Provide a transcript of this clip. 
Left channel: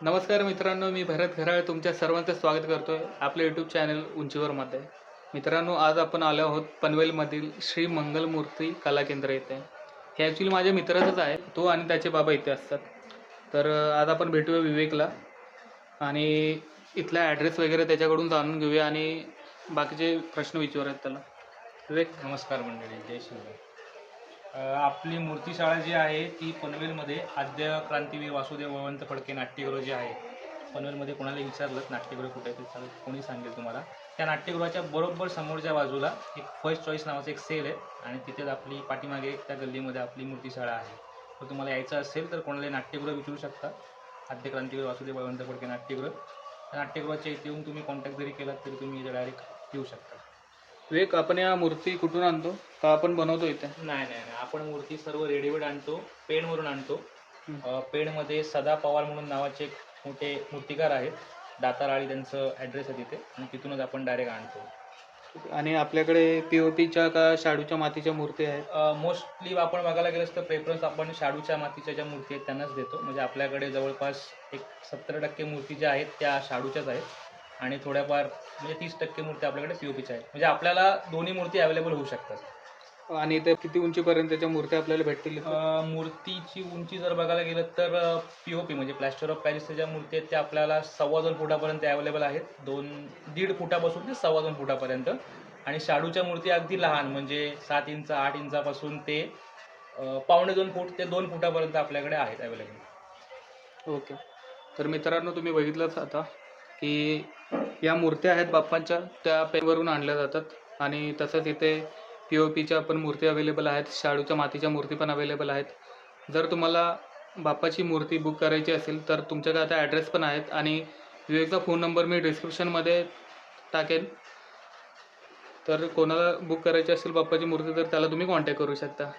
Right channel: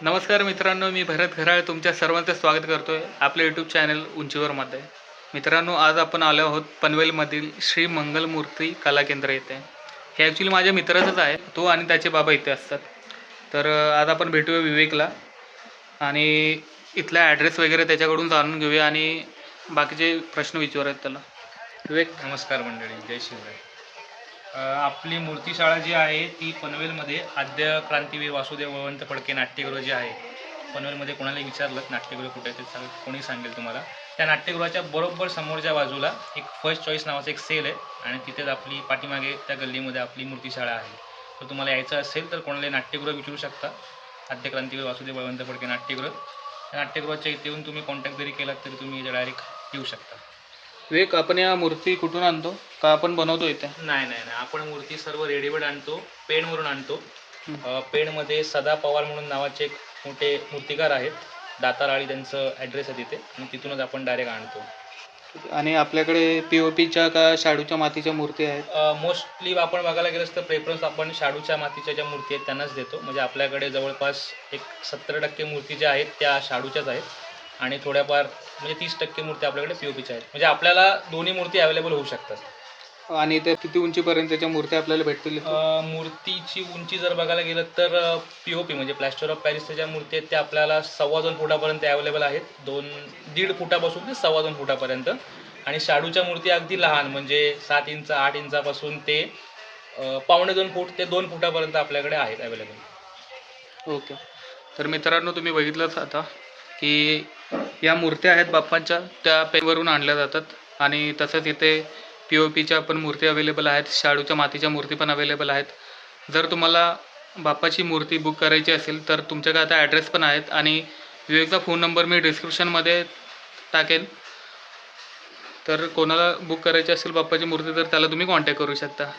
नमस्कार मित्रांनो मी भरत घराळ तुमच्या सर्वांचं स्वागत करतो आहे आपल्या यूट्यूब चॅनल उंचीवरमध्ये. मित्रांनो आज आपण आलो आहोत पनवेलमधील श्री मंगलमूर्ती कला केंद्र येथे हे ॲक्च्युली माझ्या मित्राचंच आहे तो आणि त्याचे बाबा इथे असतात. तर आज आपण भेटूया विवेकला आणि इथला ॲड्रेस वगैरे त्याच्याकडून जाणून घेऊया आणि बाकीचे प्रश्न विचारूयात त्याला. विवेक? नमस्कार मंडळी जय शिवराय. आपली मूर्तीशाळा जी आहे ती पनवेलमध्ये आद्य क्रांतीवीर वासुदेव बळवंत फडके नाट्यगृह जे आहे पनवेलमध्ये कोणाला विचारलं नाट्यगृह कुठे ते सांग कोणी सांगेल तुम्हाला. त्या नाट्यगृहाच्या बरोबर समोरच्या बाजूला एक फर्स्ट चॉईस नावाचं एक सेल आहे आणि तिथेच आपली पाठीमागे त्या गल्लीमध्ये आपली मूर्तीशाळा आहे. तर तुम्हाला यायचं असेल तर कोणाला नाट्यगृह विचारू शकता. आद्य क्रांतीवीर वासुदेव बळवंत फडके नाट्यगृह. त्या नाट्यगृहाच्या इथे येऊन तुम्ही कॉन्टॅक्ट जरी केलात तरी तुम्ही डायरेक्ट येऊ शकता. विवेक आपण या मूर्ती कुठून आणतो? का आपण बनवतो इथे? नाही नाही नाही. आपण मूर्ती सर्व रेडीमेड आणतो पेणवरून आणतो. अ, पेणमध्ये सदा पवार म्हणून नावाचे एक मोठे मूर्तिकार आहेत. दाताराळी त्यांचं ॲड्रेस आहे तिथे. आणि तिथूनच आपण डायरेक्ट आणतो. आणि आपल्याकडे पी ओ पीच्या का शाडूच्या मातीच्या मूर्ती आहेत? मोस्टली आपण बघायला गेलं तर प्रेफरन्स आपण शाडूच्या मातीच्या ज्या मूर्ती आहेत त्यांनाच देतो. म्हणजे आपल्याकडे जवळपास एक सत्तर टक्के मूर्ती ज्या आहेत त्या शाडूच्याच आहेत. आणि थोड्याफार म्हणजे तीस टक्के मूर्ती आपल्याकडे पी ओ पीच्या आहेत. म्हणजे आपल्याला दोन्ही मूर्ती अवेलेबल होऊ शकतात. आणि इथे किती उंचीपर्यंतच्या मूर्त्या आपल्याला भेटतील? अ, मूर्तीची उंची जर बघायला गेलं तर पी ओ पी म्हणजे प्लॅस्टर ऑफ पॅरिसच्या ज्या मूर्ती आहेत त्या आपल्याला सव्वा दोन फुटापर्यंत अवेलेबल आहेत. दोन दीड फुटापासून ते सव्वा दोन फुटापर्यंत. आणि शाडूच्या मूर्ती अगदी लहान म्हणजे सात इंच आठ इंचापासून ते अ, पावणे दोन फूट ते दोन फुटापर्यंत आपल्याकडे आहेत अवेलेबल ओके. तर मित्रांनो तुम्ही बघितलंच आता. की या मूर्त्या आहेत बाप्पांच्या त्या पेवरून आणल्या जातात. आणि तसंच इथे पी ओ पीच्या पण मूर्ती अवेलेबल आहेत शाडूच्या मातीच्या मूर्ती पण अवेलेबल आहेत. जर तुम्हाला बाप्पाची मूर्ती बुक करायची असेल तर तुमच्याकडे आता ॲड्रेस पण आहेत आणि विवेकचा फोन नंबर मी डिस्क्रिप्शनमध्ये टाकेन. तर कोणाला बुक करायची असेल बाप्पाची मूर्ती तर त्याला तुम्ही कॉन्टॅक्ट करू शकता.